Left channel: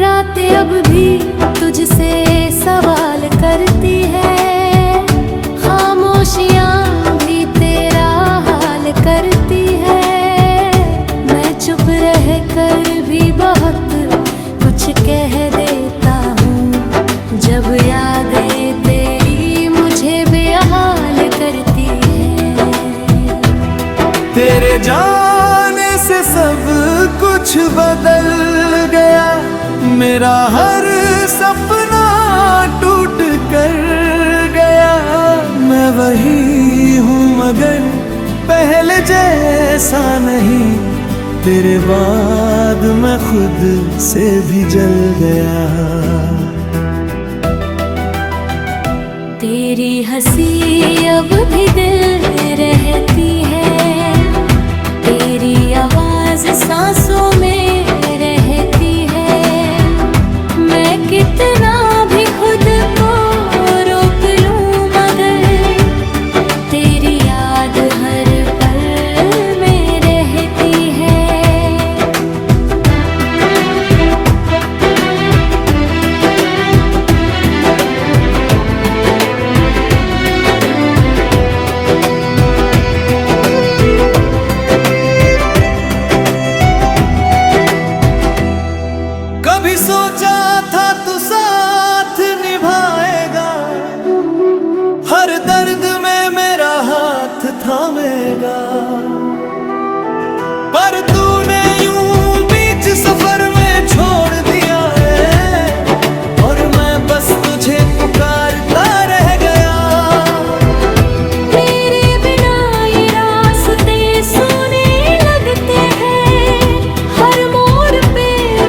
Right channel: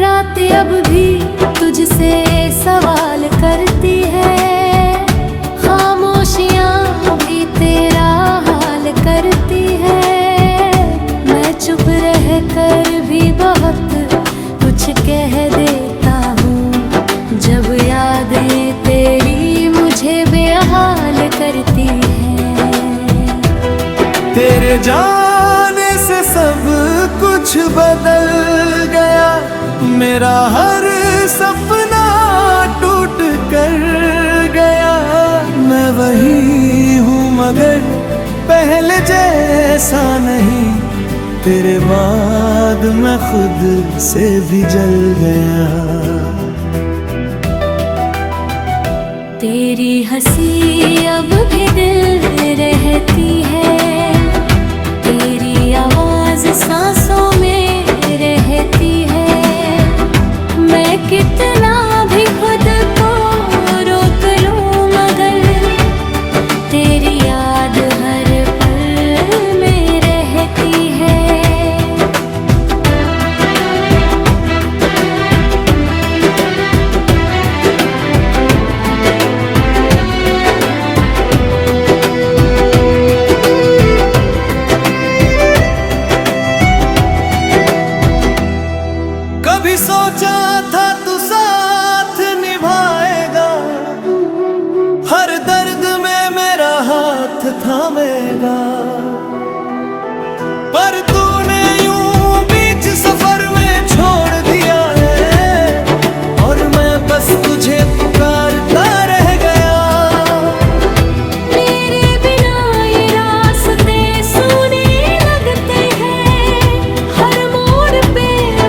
रात अब भी तुझसे सवाल करती है, खामोशियाँ भी तेरा हाल करती है। मैं चुप रह कर भी बहुत कुछ कह देता हूँ, जब यादें तेरी मुझे बेहाल करती है। तेरे जाने से सब कुछ बदल गया, मेरा हर सपना टूट कर गया। मैं वही हूँ मगर पहले जैसा नहीं, तेरे बाद मैं खुद से भी जल गया। तेरी हंसी अब भी दिल में रहती है, तेरी आवाज सांसों में रहती है। मैं कितना भी खुद को रोक लूं मगर तेरी याद हर पल में रहती है। कभी सोचा था तू साथ निभाएगा, हर दर्द में मेरा हाथ थामेगा, पर तूने यूं बीच सफर में छोड़ दिया है, और मैं बस तुझे पुकारता रह गया। मेरे बिना ये रास्ते सूने लगते हैं, हर मोड़ पे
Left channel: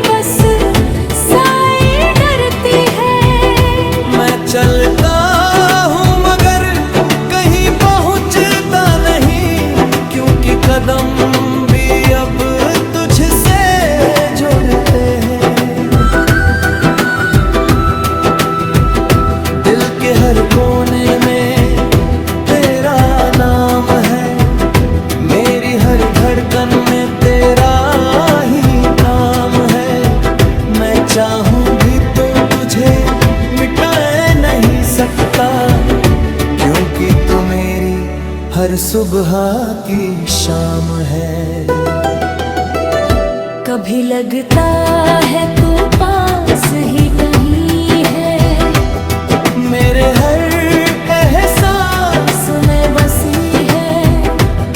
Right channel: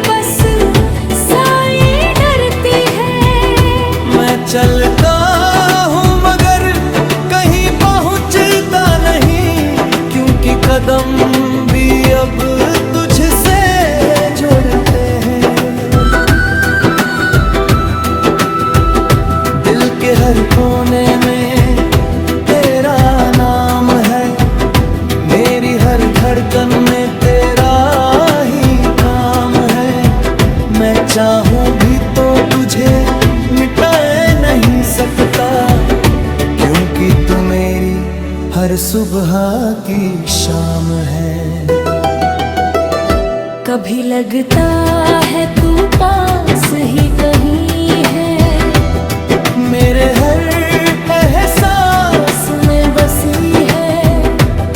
बस साए डरती है। मैं चलता हूँ मगर कहीं पहुँचता नहीं, क्योंकि कदम भी अब तुझसे जुड़ते हैं। दिल के हर कोने में तेरा नाम है, मेरी हर धड़कन में तेरा ही काम है। मैं चाहूं भी तो तुझे मिटाए नहीं सकता, क्योंकि तू मेरी हर सुबह की शाम है। कभी लगता है तू पास ही कहीं है, मेरे हर एहसास में बसी है।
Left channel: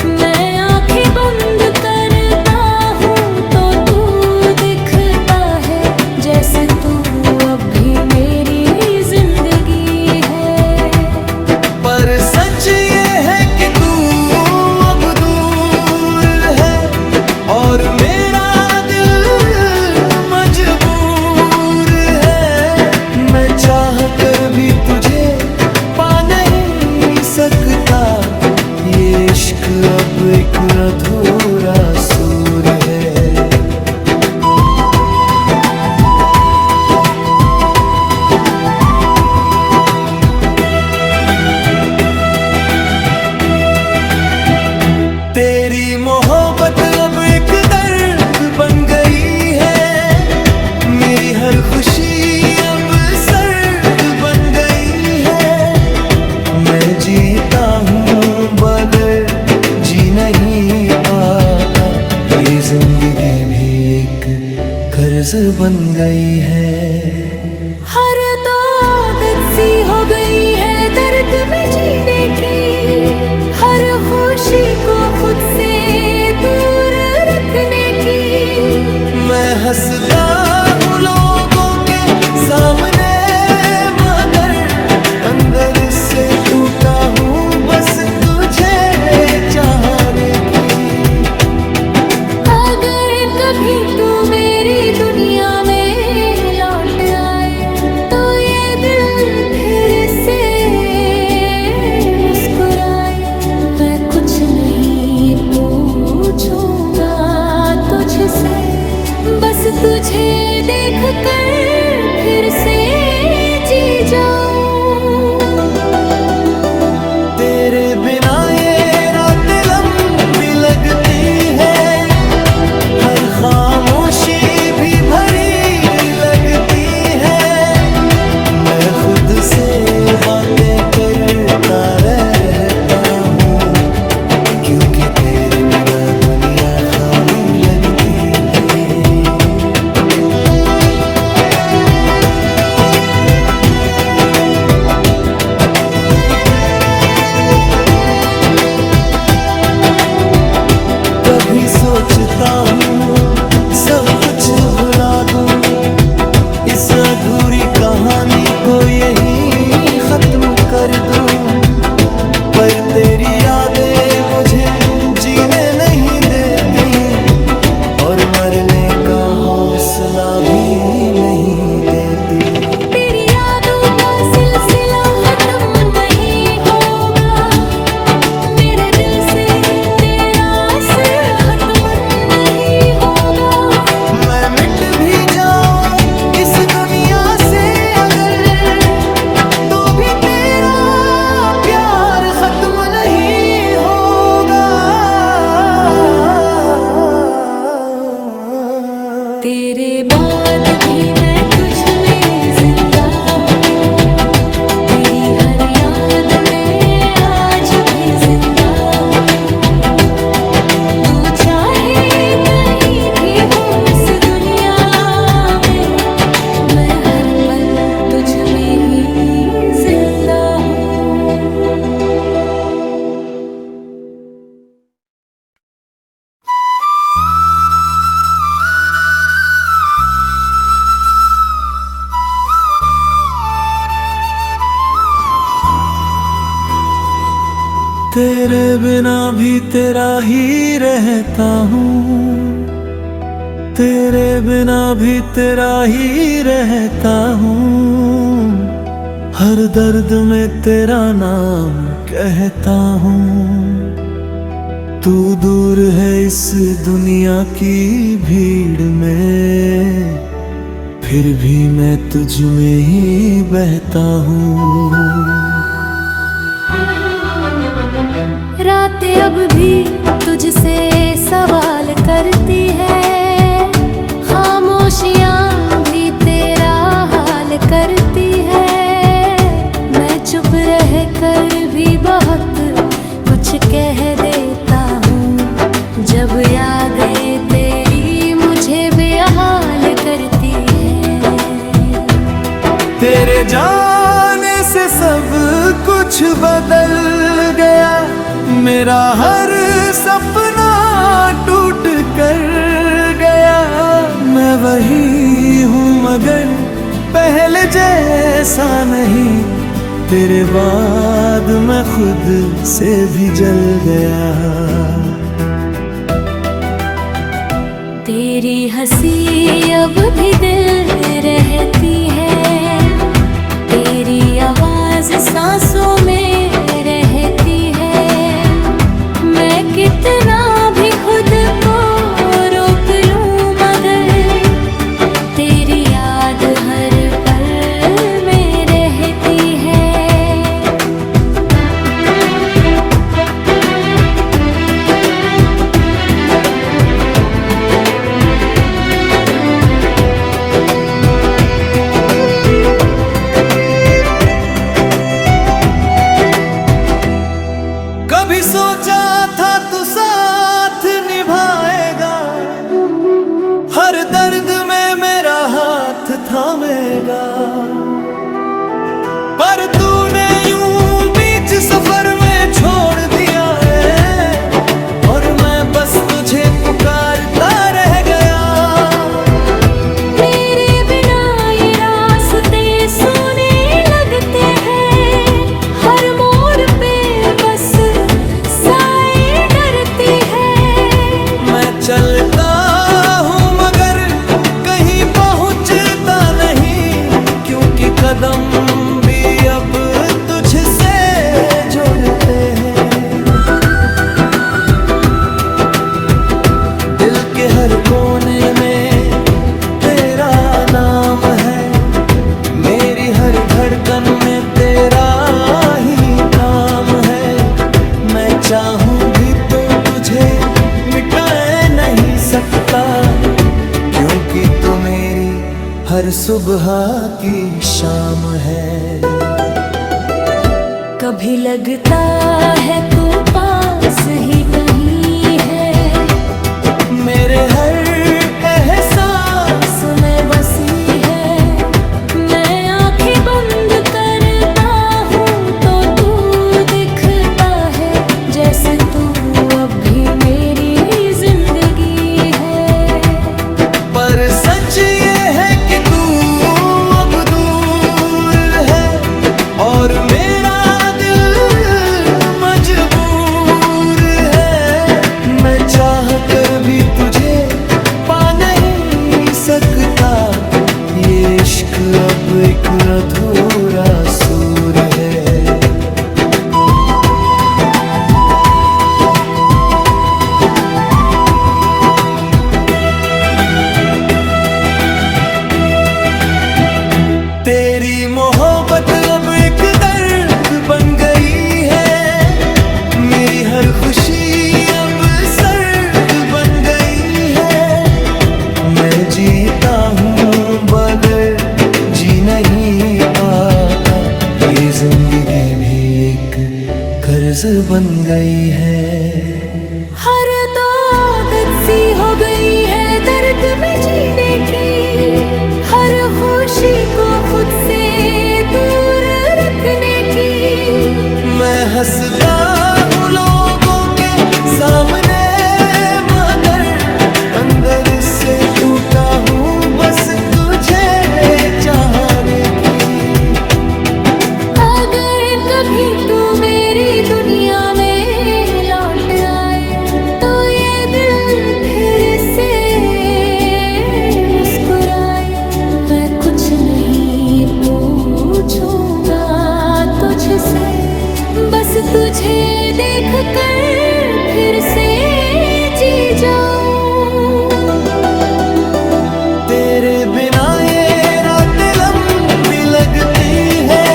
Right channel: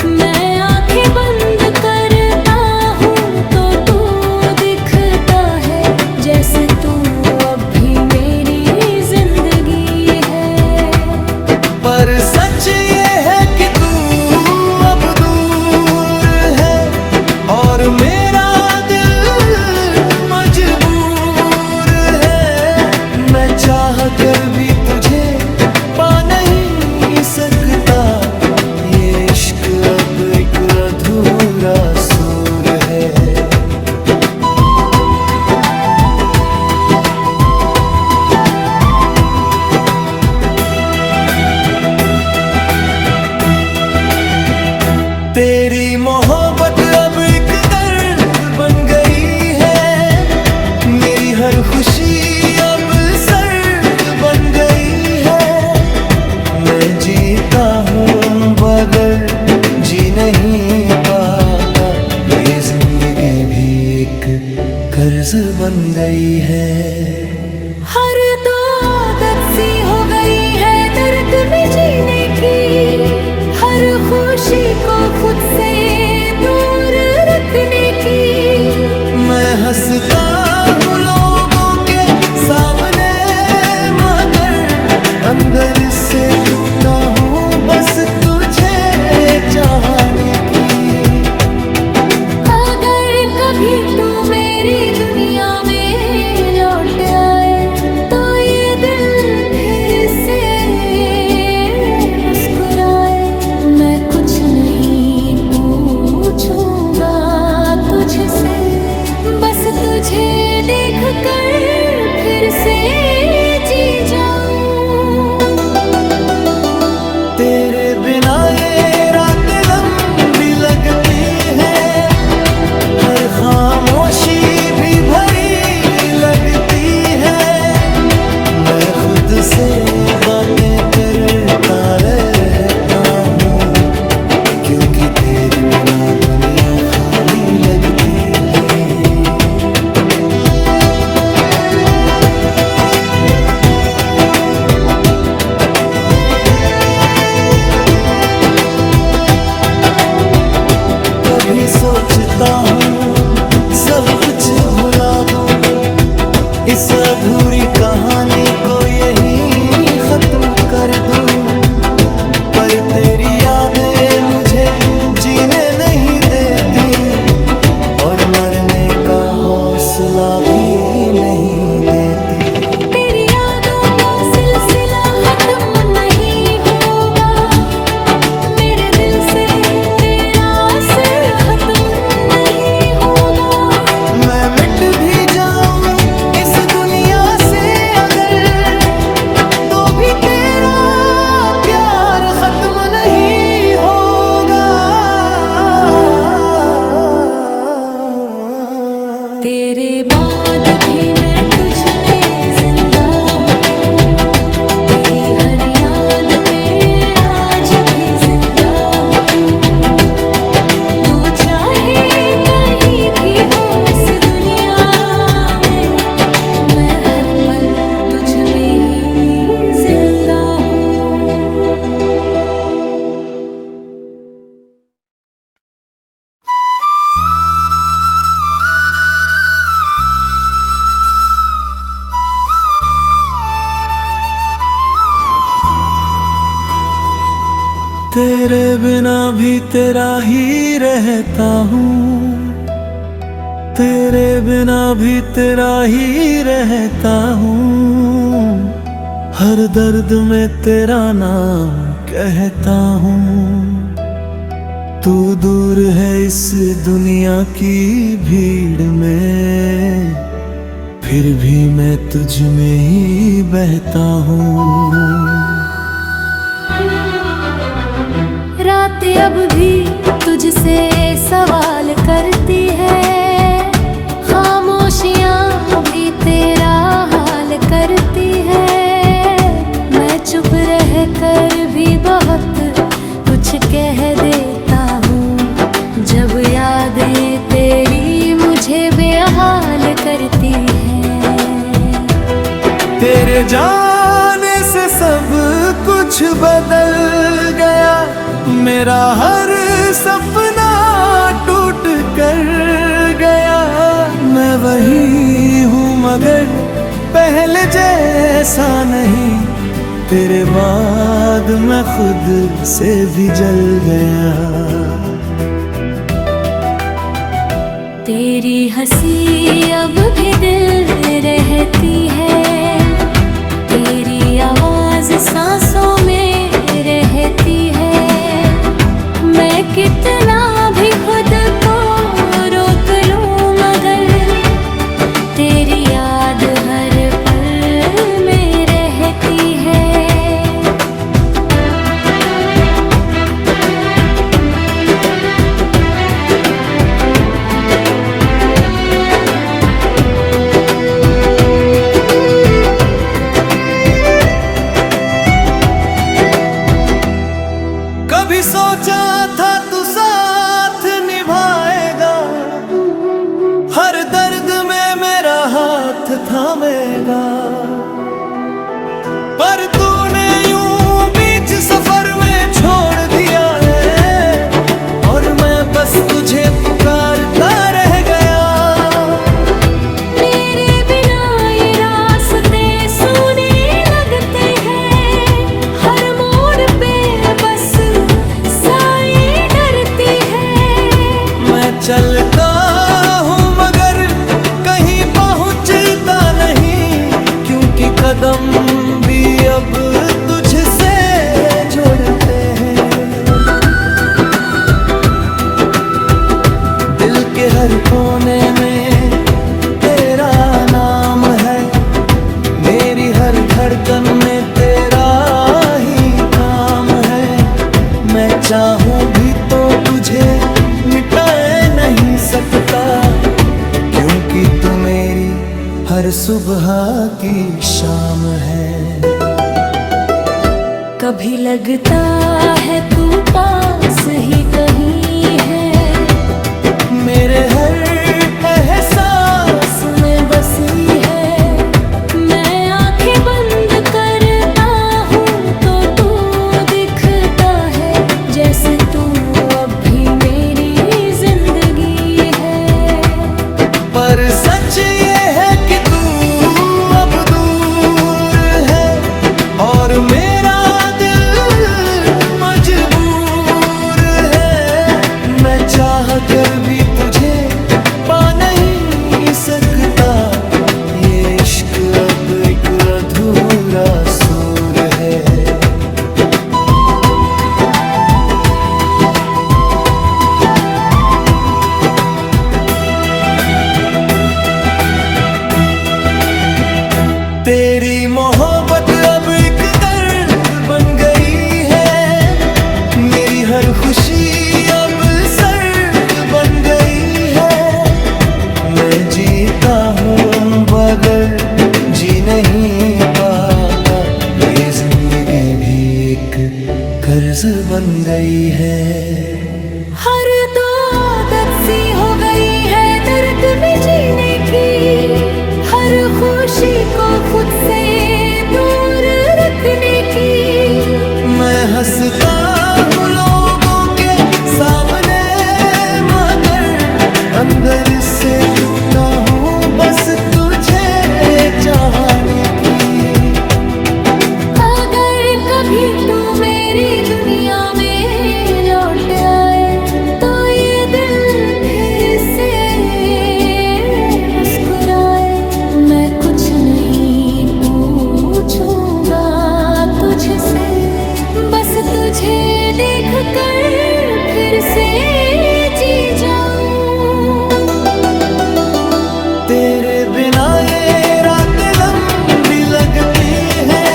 मैं आंखें बंद करता हूँ तो तू दिखता है, जैसे तू अब भी मेरी जिंदगी है। पर सच ये है कि तू अब दूर है, और मेरा दिल मजबूर है। मैं चाह कर भी तुझे पा नहीं सकता, ये इश्क अब एक अधूरा सूर है। तेरी मोहब्बत अब एक दर्द बन गई है, मेरी हर खुशी अब सर्द बन गई है। मैं जीता हूँ मगर जी नहीं पाता, ये जिंदगी भी एक कर्ज बन गई है। हर तो आदत सी हो गई है दर्द में जीने की, हर खुशी को खुद से दूर रखने की। मैं हंसता हूँ लोगों के सामने मगर अंदर से टूटा हूँ बस तुझे चाहने की। अगर कभी तू मेरी दुनिया में लौट आए तो ये दिल फिर से मुस्कुराए। मैं कुछ नहीं पूछूंगा तुझसे, बस तुझे देख कर फिर से जी जाऊं। तेरे बिना ये रातें लंबी लगती है, हर खामोशी भी भरी लगती मैं खुद से बातें करता रहता हूँ, क्योंकि तेरे बिना दुनिया खाली लगती है। कभी सोचता हूँ सब कुछ भुला दूँ, इस अधूरी कहानी को यहीं खत्म कर दूँ, पर तेरी यादें मुझे जीने नहीं देती और मरने का हौसला भी नहीं देती। तेरी यादों का सिलसिला खत्म नहीं होगा, मेरे दिल से तेरा असर खत्म नहीं होगा। मैं मिट भी जाऊं इस दुनिया से अगर, तो भी तेरा प्यार खत्म नहीं होगा। तेरे बाद भी मैं तुझ में जिंदा हूँ, तेरी हर याद में आज भी जिंदा हूँ। तू चाहे कहीं भी हो इस दुनिया में, मैं हर पल तुझ में ही जिंदा हूँ। तेरे बिना भी तेरा ही रहता हूँ, तेरे बिना भी तेरा ही रहता हूँ। हर दर्द में तेरा नाम कहता हूँ। तू दूर है इस दुनिया की भीड़ में, फिर भी मैं तुझ में ही बहता हूँ। रातें अब भी तुझसे सवाल करती है, खामोशियाँ भी तेरा हाल करती है। मैं चुप रह कर भी बहुत कुछ कह देता हूँ, जब यादें तेरी मुझे बेहाल करती है। तेरे जाने से सब कुछ बदल गया, मेरा हर सपना टूट कर गया। मैं वही हूँ मगर पहले जैसा नहीं, तेरे बाद मैं खुद से भी जल गया। तेरी हंसी अब भी दिल में रहती है, तेरी आवाज सांसों में रहती है। मैं कितना भी खुद को रोक लूं मगर तेरी याद हर पल में रहती है। कभी सोचा था तू साथ निभाएगा, हर दर्द में मेरा हाथ थामेगा, पर तूने यूं बीच सफर में छोड़ दिया है और मैं बस तुझे पुकारता रह गया। मेरे बिना ये रास्ते सूने लगते हैं, हर मोड़ पे बस साए डरती है। मैं चलता हूँ मगर कहीं पहुँचता नहीं, क्योंकि कदम भी अब तुझसे जोड़ते हैं। दिल के हर कोने में तेरा नाम है, मेरी हर धड़कन में तेरा ही काम है। मैं चाहूँ भी तो तुझे मिटा नहीं सकता, क्योंकि तू मेरी हर सुबह की शाम है। कभी लगता है तू पास ही कहीं है, मेरे हर एहसास में बसी है। मैं आंखें बंद करता हूँ तो तू दिखता है, जैसे तू अब भी मेरी जिंदगी है। पर सच ये है कि तू अब दूर है और मेरा दिल मजबूर है। मैं चाह कर भी तुझे पा नहीं सकता, ये इश्क अब एक अधूरा सुर है। तेरी मोहब्बत अब एक दर्द बन गई है, मेरी हर खुशी अब सर्द बन गई है। मैं जीता हूँ मगर जी नहीं पाता, ये जिंदगी भी एक कर्ज बन गई है। हर तो आदत सी हो गई है दर्द में जीने की, हर खुशी को खुद से दूर रखने की। मैं हंसता हूँ लोगों के सामने मगर अंदर से टूटा हूँ बस तुझे चाहने की। अगर कभी तू मेरी दुनिया में लौट आए तो ये दिल फिर से मुस्कुराए। मैं कुछ नहीं पूछूंगा तुझसे, बस तुझे देख कर फिर से जी जाऊं। तेरे बिना ये रातें लंबी लगती है,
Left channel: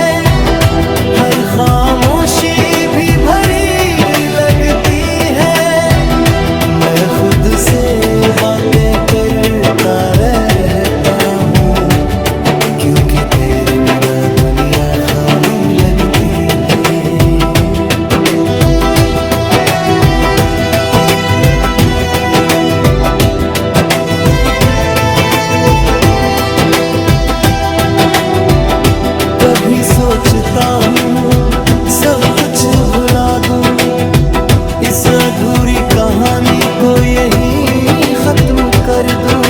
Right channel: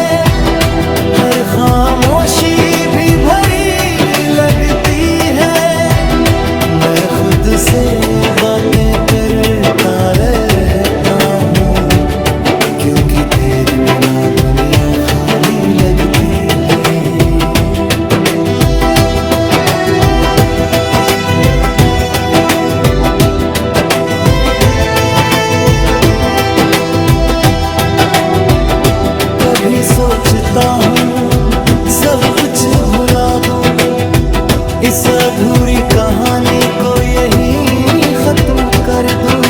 हर खामोशी भी भरी लगती है। मैं खुद से बातें करता रहता हूँ, क्योंकि तेरे बिना दुनिया खाली लगती है। कभी सोचता हूँ सब कुछ भुला दूँ, इस अधूरी कहानी को यहीं खत्म कर दूँ।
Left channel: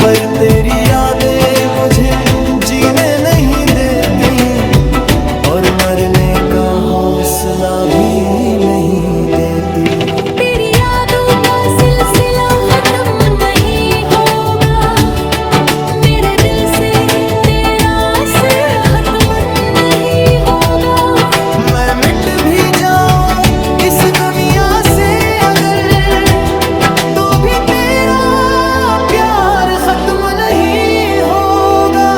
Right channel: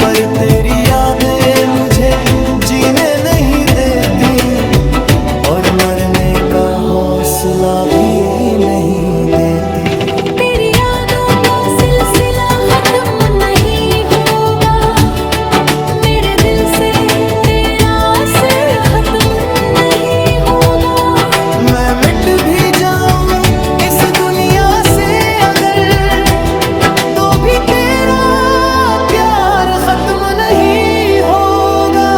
पर तेरी यादें मुझे जीने नहीं देती और मरने का हौसला भी नहीं देती। तेरी यादों का सिलसिला खत्म नहीं होगा, मेरे दिल से तेरा असर खत्म नहीं होगा। मैं मिट भी जाऊं इस दुनिया से अगर, तो भी तेरा प्यार खत्म नहीं होगा।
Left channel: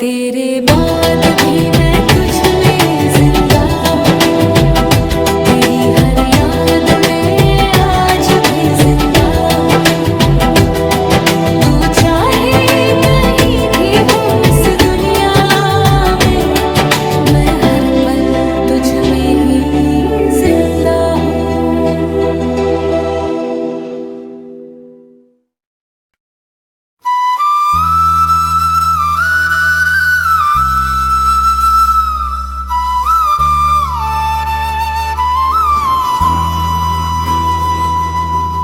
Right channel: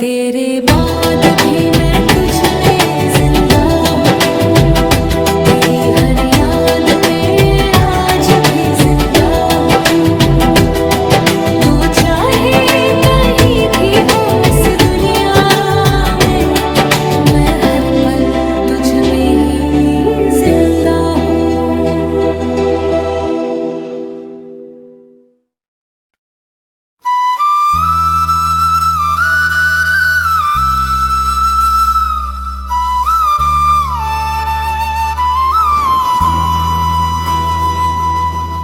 तेरे बाद भी मैं तुझ में जिंदा हूँ, तेरी हर याद में आज भी जिंदा हूँ। तू चाहे कहीं भी हो इस दुनिया में, मैं हर पल तुझ में ही जिंदा हूँ।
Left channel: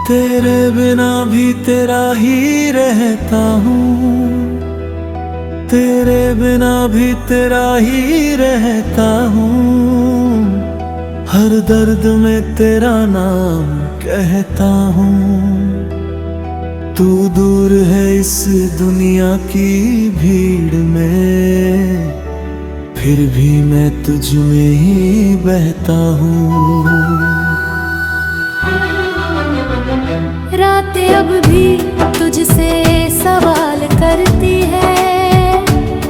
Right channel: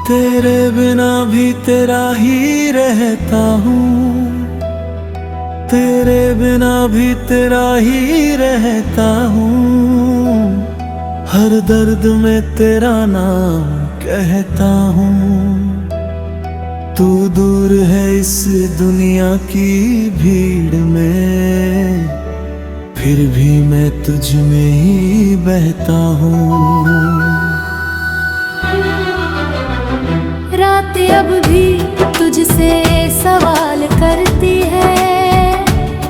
तेरे बिना भी तेरा ही रहता हूँ, तेरे बिना भी तेरा ही रहता हूँ। हर दर्द में तेरा नाम कहता हूँ। तू दूर है इस दुनिया की भीड़ में, फिर भी मैं तुझ में ही बहता हूँ। रातें अब भी तुझसे सवाल करती है,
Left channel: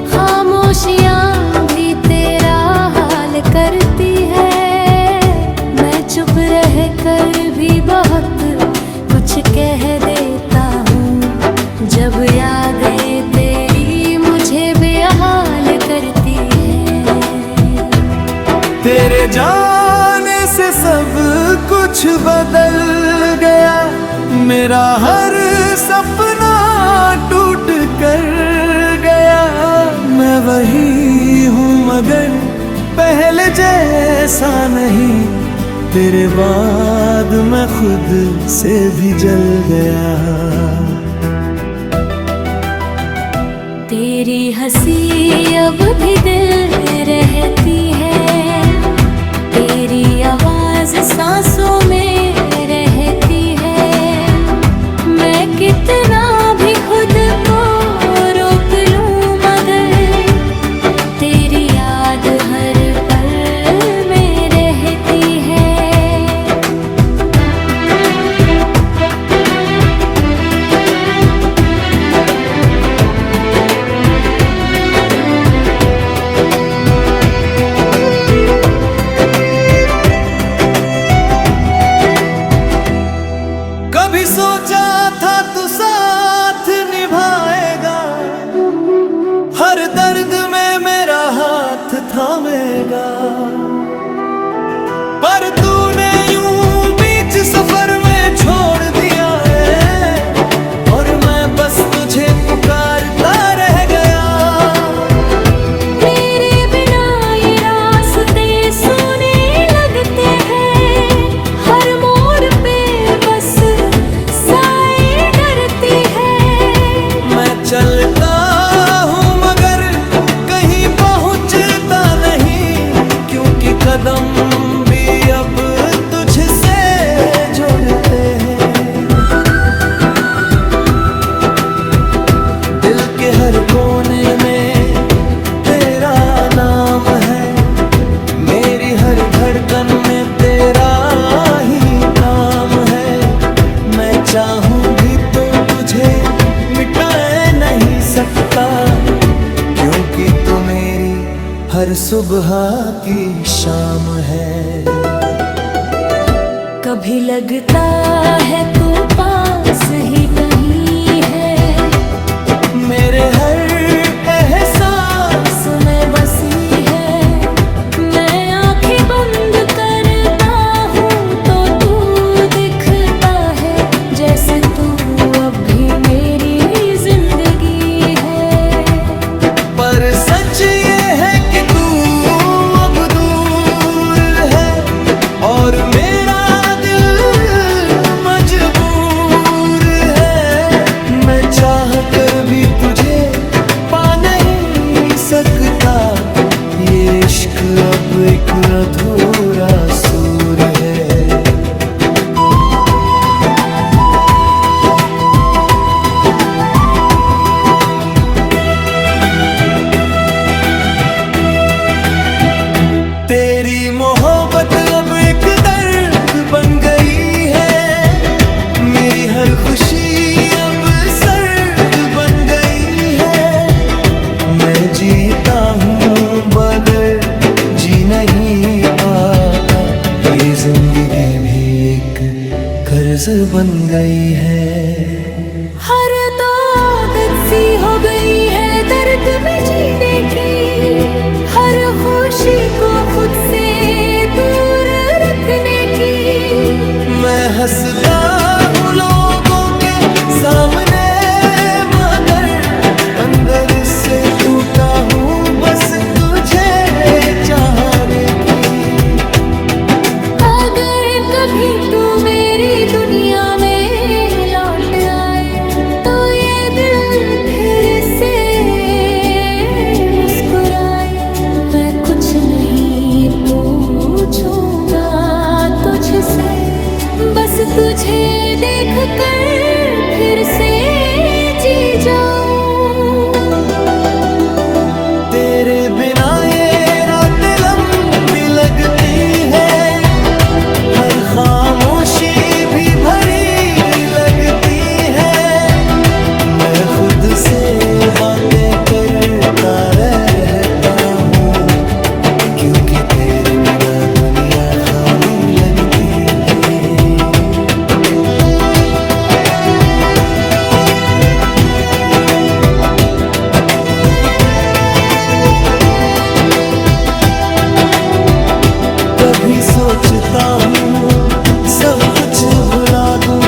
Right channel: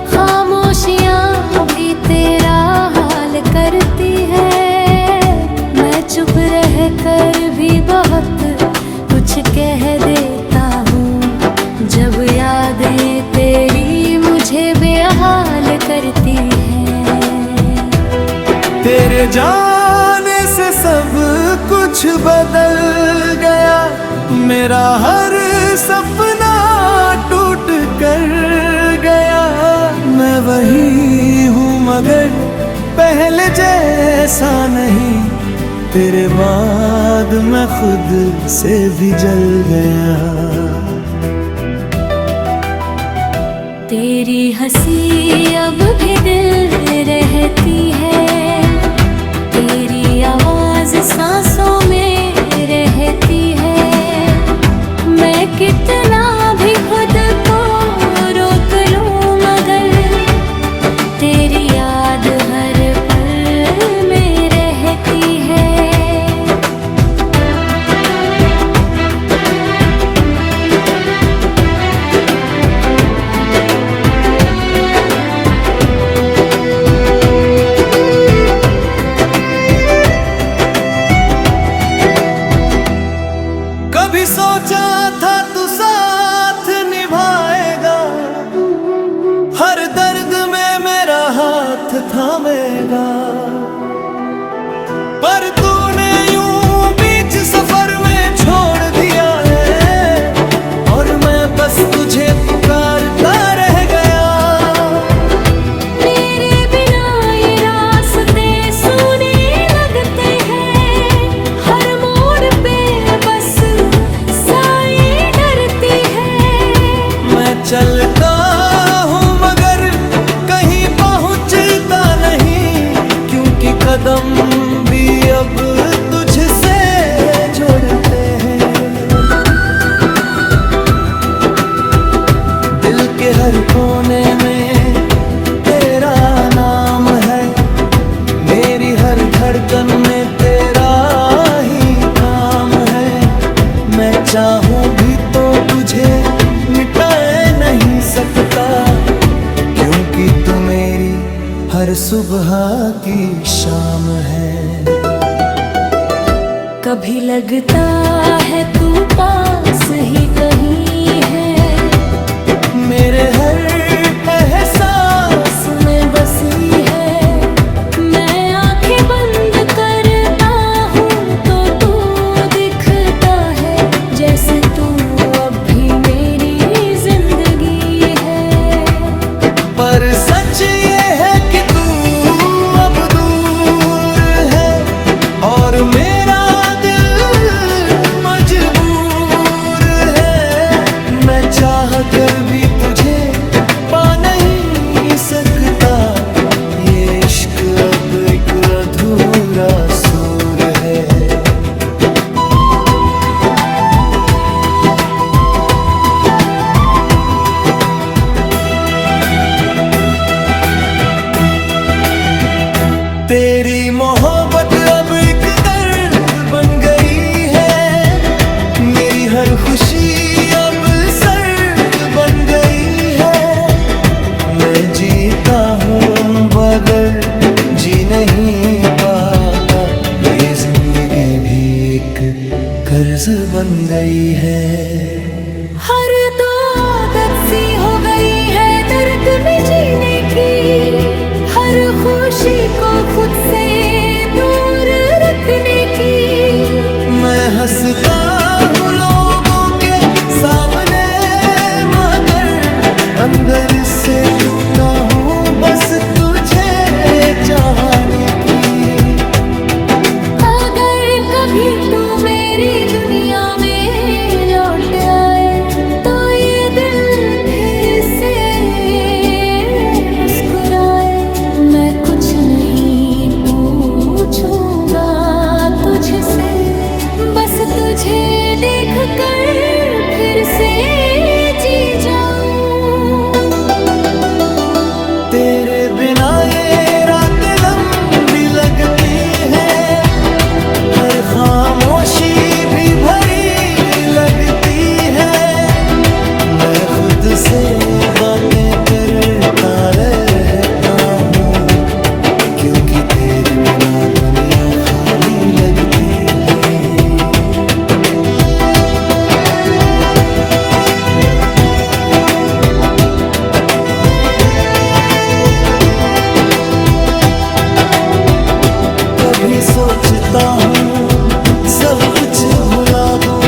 खामोशियाँ भी तेरा हाल करती है। मैं चुप रह कर भी बहुत कुछ जब यादें तेरी मुझे बेहाल करती है। तेरे जाने से सब कुछ बदल गया, मेरा हर सपना टूट कर गया। मैं वही हूँ मगर पहले जैसा नहीं, तेरे बाद मैं खुद से भी जल गया। तेरी हंसी अब भी दिल में रहती है, तेरी आवाज सांसों में रहती है। मैं कितना भी खुद को रोक लूं मगर तेरी याद हर पल में रहती है। कभी सोचा था तू साथ निभाएगा, हर दर्द में मेरा हाथ थामेगा। पर तूने यूं बीच सफर में छोड़ दिया है, और मैं बस तुझे पुकारता रह गया। मेरे बिना ये रास्ते सूने लगते हैं, हर मोड़ पे बस साए डरती है। मैं चलता हूँ मगर कहीं पहुँचता नहीं, क्योंकि कदम भी अब तुझसे जोड़ते हैं। दिल के हर कोने में तेरा नाम है, मेरी हर धड़कन में तेरा ही काम है। मैं चाहूं भी तो तुझे मिटाए नहीं सकता, क्योंकि तू मेरी हर सुबह की शाम है। कभी लगता है तू पास ही कहीं है, मेरे हर एहसास में बसी है। मैं आंखें बंद करता हूँ तो तू दिखता है, जैसे तू अब भी मेरी जिंदगी है। पर सच ये है कि तू अब दूर है, और मेरा दिल मजबूर है। मैं चाह कर भी तुझे पा नहीं सकता, ये इश्क अब एक अधूरा सूर है। तेरी मोहब्बत अब एक दर्द बन गई है, मेरी हर खुशी अब सर्द बन गई है। मैं जीता हूँ मगर जी नहीं पाता, ये जिंदगी भी एक कर्ज बन गई है। हर तो आदत सी हो गई है दर्द में जीने की, हर खुशी को खुद से दूर रखने की। मैं हंसता हूँ लोगों के सामने मगर अंदर से टूटा हूँ बस तुझे चाहने की। अगर कभी तू मेरी दुनिया में लौट आए तो ये दिल फिर से मुस्कुराए। मैं कुछ नहीं पूछूंगा तुझसे, बस तुझे देख कर फिर से जी जाऊं। तेरे बिना ये रातें लंबी लगती है, हर खामोशी भी भरी लगती है। मैं खुद से बातें करता रहता हूँ, क्योंकि तेरे बिना दुनिया खाली लगती है। कभी सोचता हूँ सब कुछ भुला दूँ,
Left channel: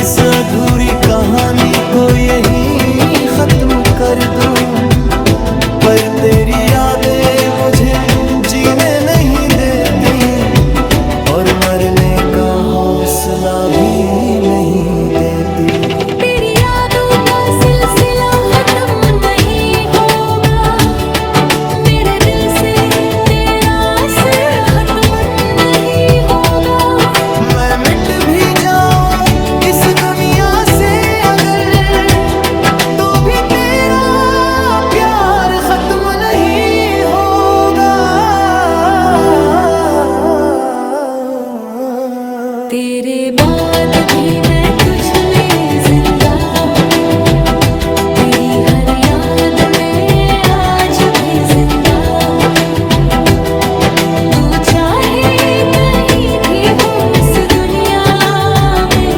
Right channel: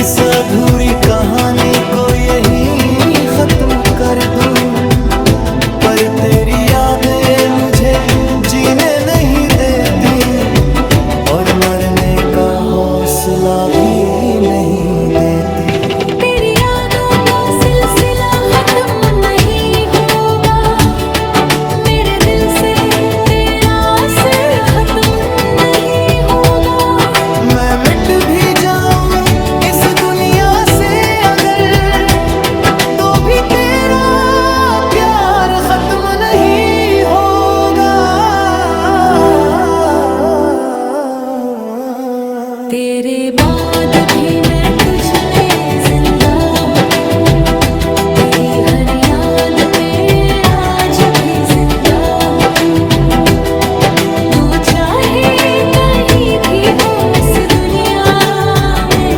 इस अधूरी कहानी को यहीं खत्म कर दूँ। पर तेरी यादें मुझे जीने नहीं देती और मरने का हौसला भी नहीं देती। तेरी यादों का सिलसिला खत्म नहीं होगा, मेरे दिल से तेरा असर खत्म नहीं होगा। मैं मिट भी जाऊं इस दुनिया से अगर, तो भी तेरा प्यार खत्म नहीं होगा। तेरे बाद भी मैं तुझ में जिंदा हूँ, तेरी हर याद में आज भी जिंदा हूँ। तू चाहे कहीं भी हो इस दुनिया में,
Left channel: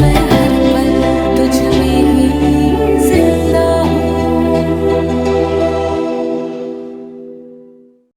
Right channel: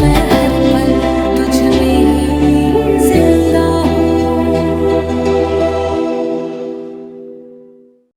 मैं हर पल तुझ में ही जिंदा हूँ।